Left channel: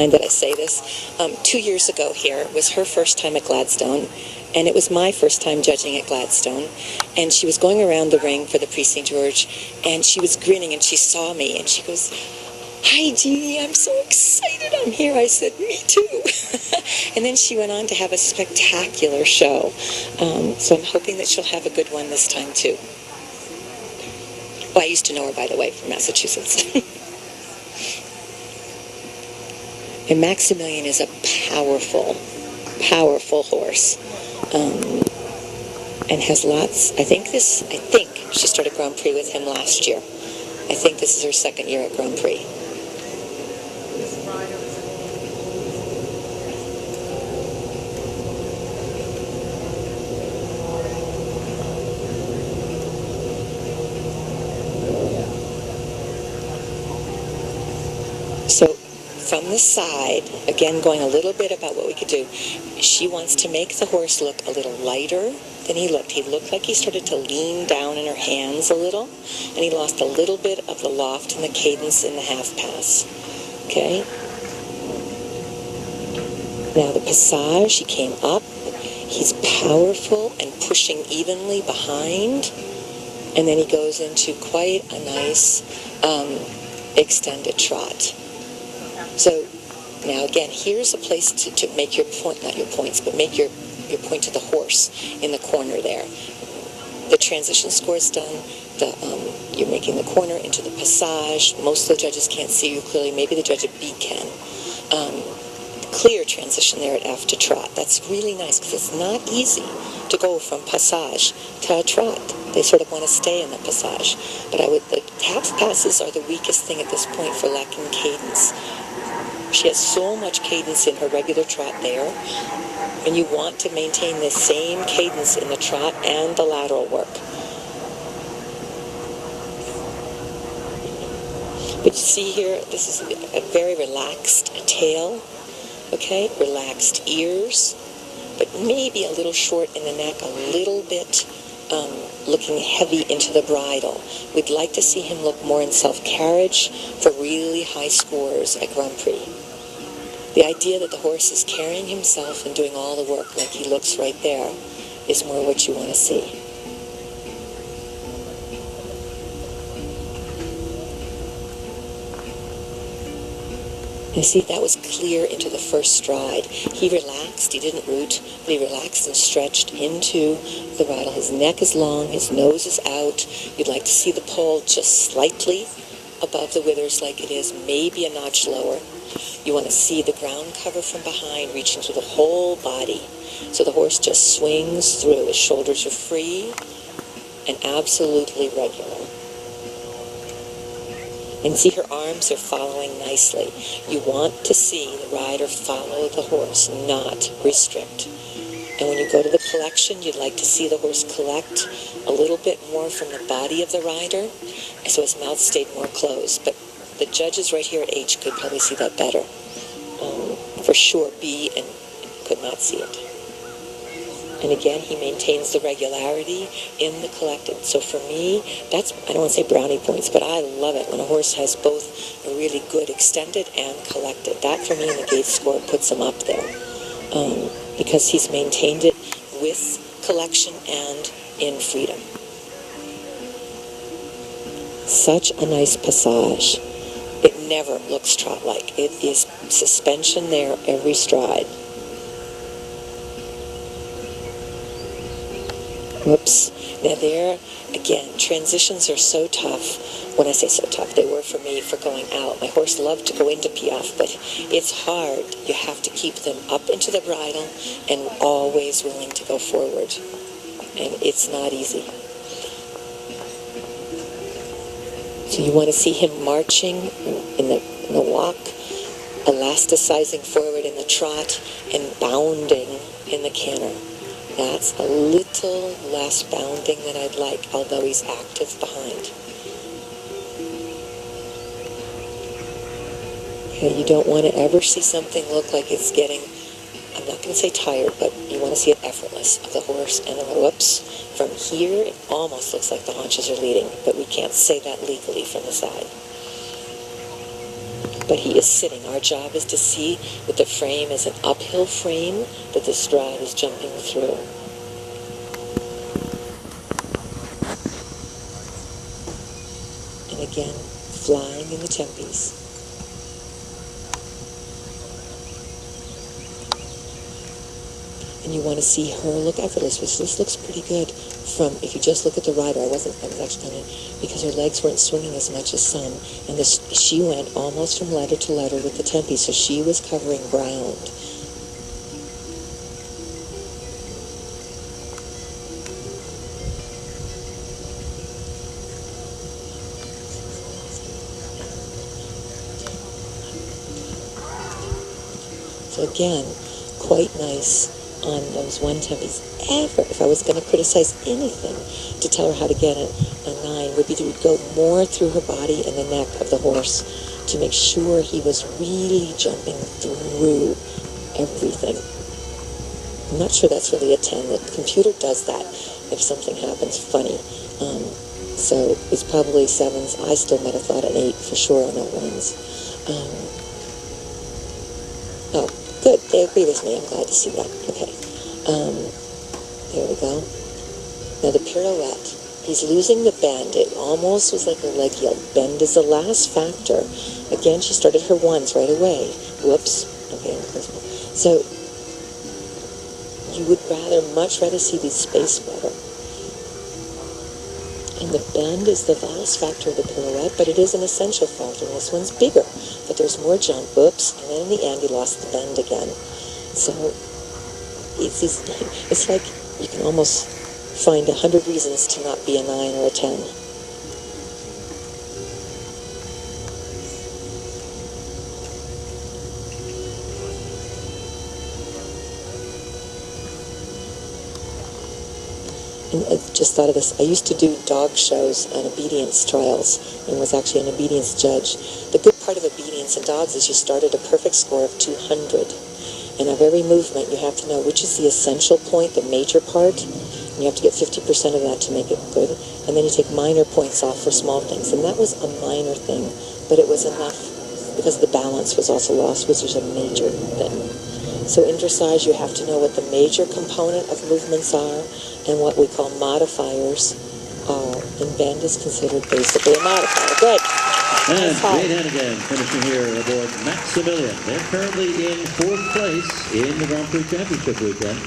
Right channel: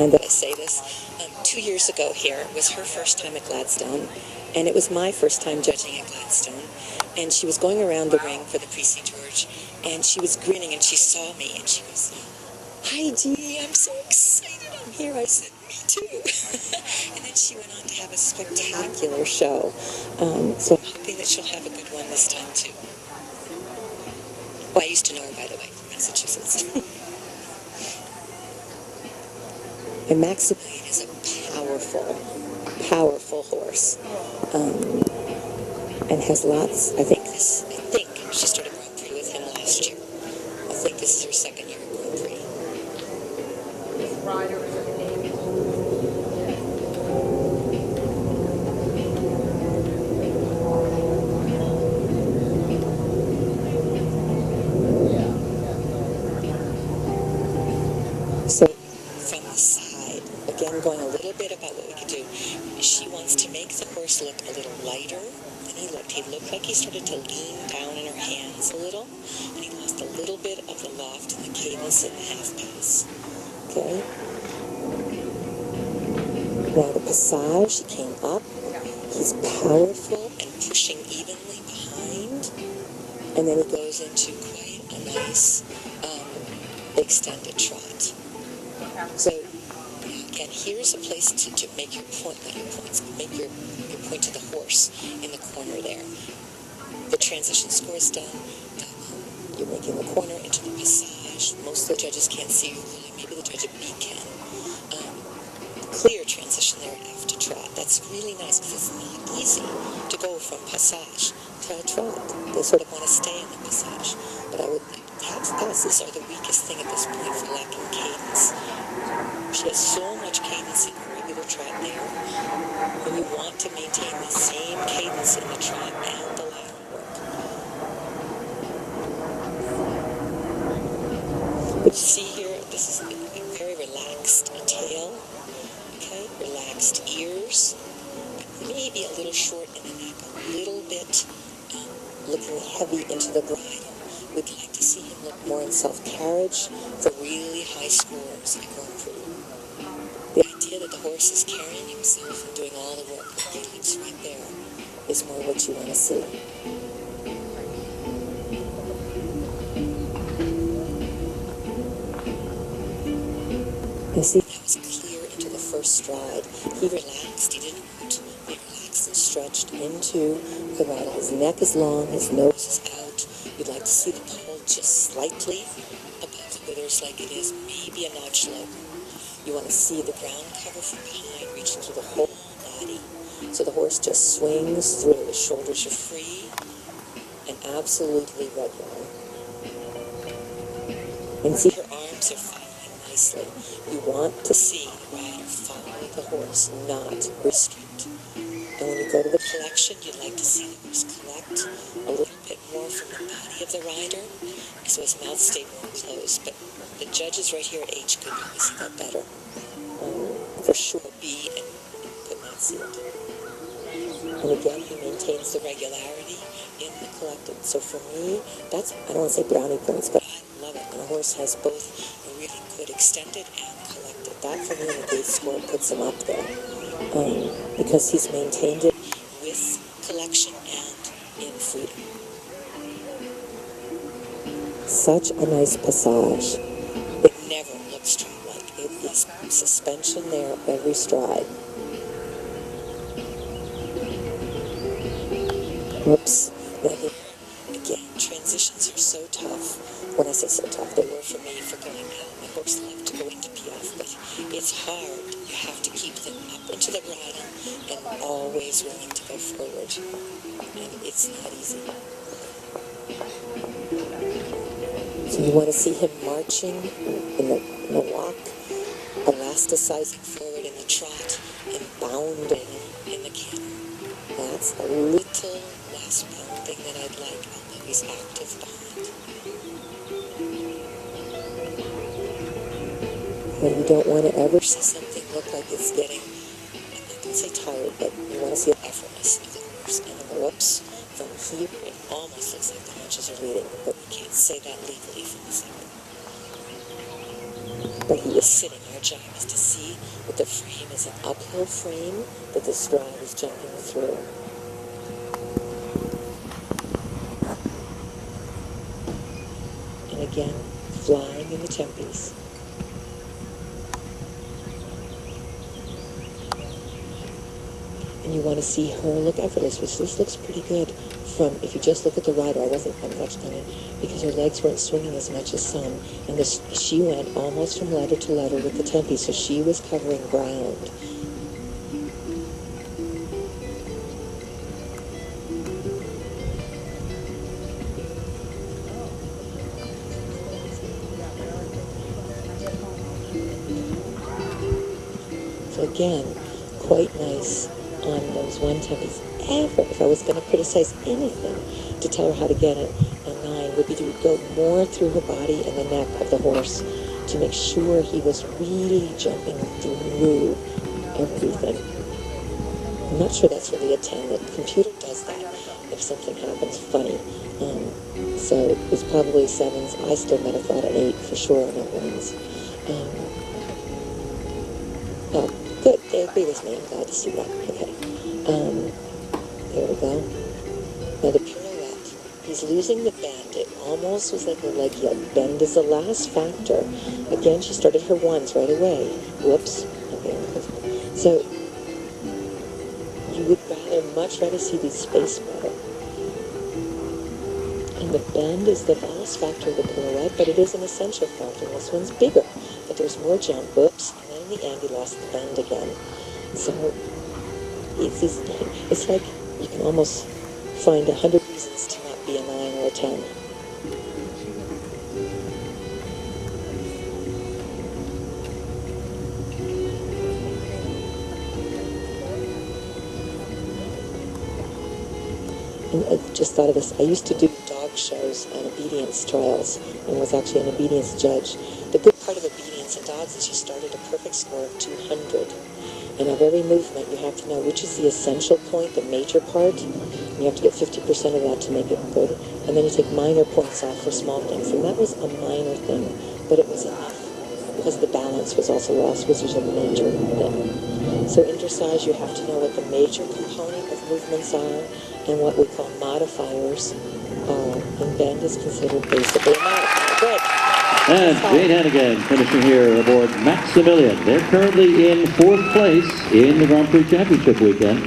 mind that I say this. 2 years ago here was her first time at Gladstone, and it was my first time judging at Gladstone. And she was going around the ring for the Prix St. George, and she was grinning, and she saw me, and she goes, "Hi, Jeannie, I'm so excited I'm here." I said, "Me too." And then she went on to have a spectacular show. So I'm hoping that she'll have a good one this time, too. Well, I used to know her, by the way, from Massachusetts. And Maksymilian is a powerful, powerful horse. And has lots, I think she started Grand Prix with him last year. I think this is her second year at Grand Prix. So from the side, again going a little bit about what we could do, she wants to make the horse look a little lighter than he looked. He looked like he started to lean down in her hands a little, and he lost a little bit of the loft and the cadence in the half pass. Okay? Now the passage, he came up. He's powerful and pushing evenly behind, and then he goes into quite a nice extended trot. So now again, here's a place to make your point, not your points, but make your point to the horse in the corner there. The transition score is done. You're making the corner into the passage. Most of the judges can't see you clearly. Maybe the judge at B can. Clear transition there at F to trot. That's really nice because it's not easy to go from passage to trot. They sort of want to stay in the passage. But the half passes are the weakest thing at this point for lacking cadence. She has so much cadence in her regular trot there, and you want to maintain the same cadence in the trot and the lateral work. But you see here, this is a very relaxed tail, okay? Relaxed ears, but maybe a little short in the neck, a little bit looking heavy into the bridle. We'd like to see him look more in self-carriage for really high scores at Grand Prix. The idea that the horse is carrying himself and doing all the work like he looks right there is more what you want to see. You see, that was clear into the first stride. He relaxed, he didn't root, but he relaxed and stretched into the bridle. His neck is long, his nose is out. You'd like to see the poll just slightly above the withers like it is, maybe a notch lower. You want to see the ground cover from behind reaching through the whole body. So the horse just swings through. His shoulders are free and absolutely regular. And see, her arms are following nicely. You want to see the rider follow the horse, not restrict. And when you go to the collection, you'd like to see the horse collect a little bit more from the body of the rider, so his mouth stayed more closed. But the judges right here at H could probably see that better. For sure, B and could not see it. And again, he maintains the regularity in the collected. So for me, that's, I don't want to say brownie points, but I love it when a horse has both a really good extended and collected. That for me in the gate score puts him up there. Because he's maintained it with collection and in freedom. Such a nice passage. It never looks trot-like. It is suspension there every stride. Whoops. Now there, again, transitions are so tough. When I say so tough, they were for me for going out. My horse loved to go into piaffe, but it's hard. You have to keep them up into the bridle and always willing to go forward. And it's not easy. So you want to see him marching in the walk, elasticizing forward in the trot, and bounding in the canter. That's a little less bounding than I'd like, although he's active behind. Okay, you don't want to ever see something look like it's getting, I'm not going to say tired, but you want to see it effortless of the horse, and then whoops, from here it almost looks like the haunches are leading, but we can't say that legally from the side. but he is sitting. Our job is to see that the frame is an uphill frame that the stride is jumping through. And again, flying in the tempes. And you want to see her look effortless, which this looks pretty good from, if you just look at the rider. I was actually going to, because her legs weren't swinging as much as some. And she went almost from letter to letter with the tempi, so she was covering ground. So again, quite nice on those one tempies. If I was going to criticize anything to tell her how to get a 9, would be to go more through her body and the neck of the horse to make sure he was really jumping through everything. I'm not sure that's really a 10. The computer does that if something happens funny. So it's probably 7s. I still might have thought an 8 for sure on that 1s. Oh, good. They agree with me. I'm glad to see that. Okay. There we go. Now the pirouette. He's losing the bend. It almost was like a leg heel. Bend is the last factor. Again, she started her 1s right away. Whoops. Okay. So you would much rather see these space better. And the bend is the last factor of the pirouette, but it is an essential factor. This one's bigger, but there's more jump. Whoops. And then in the end, he lost the bend again. So it's like you can almost find 100 reasons to not be a 9 or a 10. And I just thought of this. I used to do dog shows on obedience trials and was actually an obedience judge. The good part of obedience in dogs is you start at a perfect score of 200. And of every movement, you have to know which is the essential point, the major part. You have to get 50% of that to make it good. And then you take minor points off for small things. And that was a minor thing, but it was enough because the balance was also lost, which was a major thing. So in dressage, you have to know what the major component of movements are and what we call modifiers are. And bend is considered basically a modifier. Good. And Jane Hannigan finishing here aboard Maksymilian. They're currently in 4th place in the Grand Prix Championship weekend.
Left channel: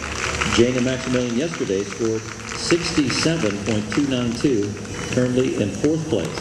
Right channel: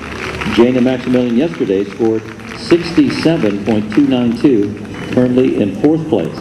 Jane and Maksymilian yesterday scored 67.292, currently in 4th place.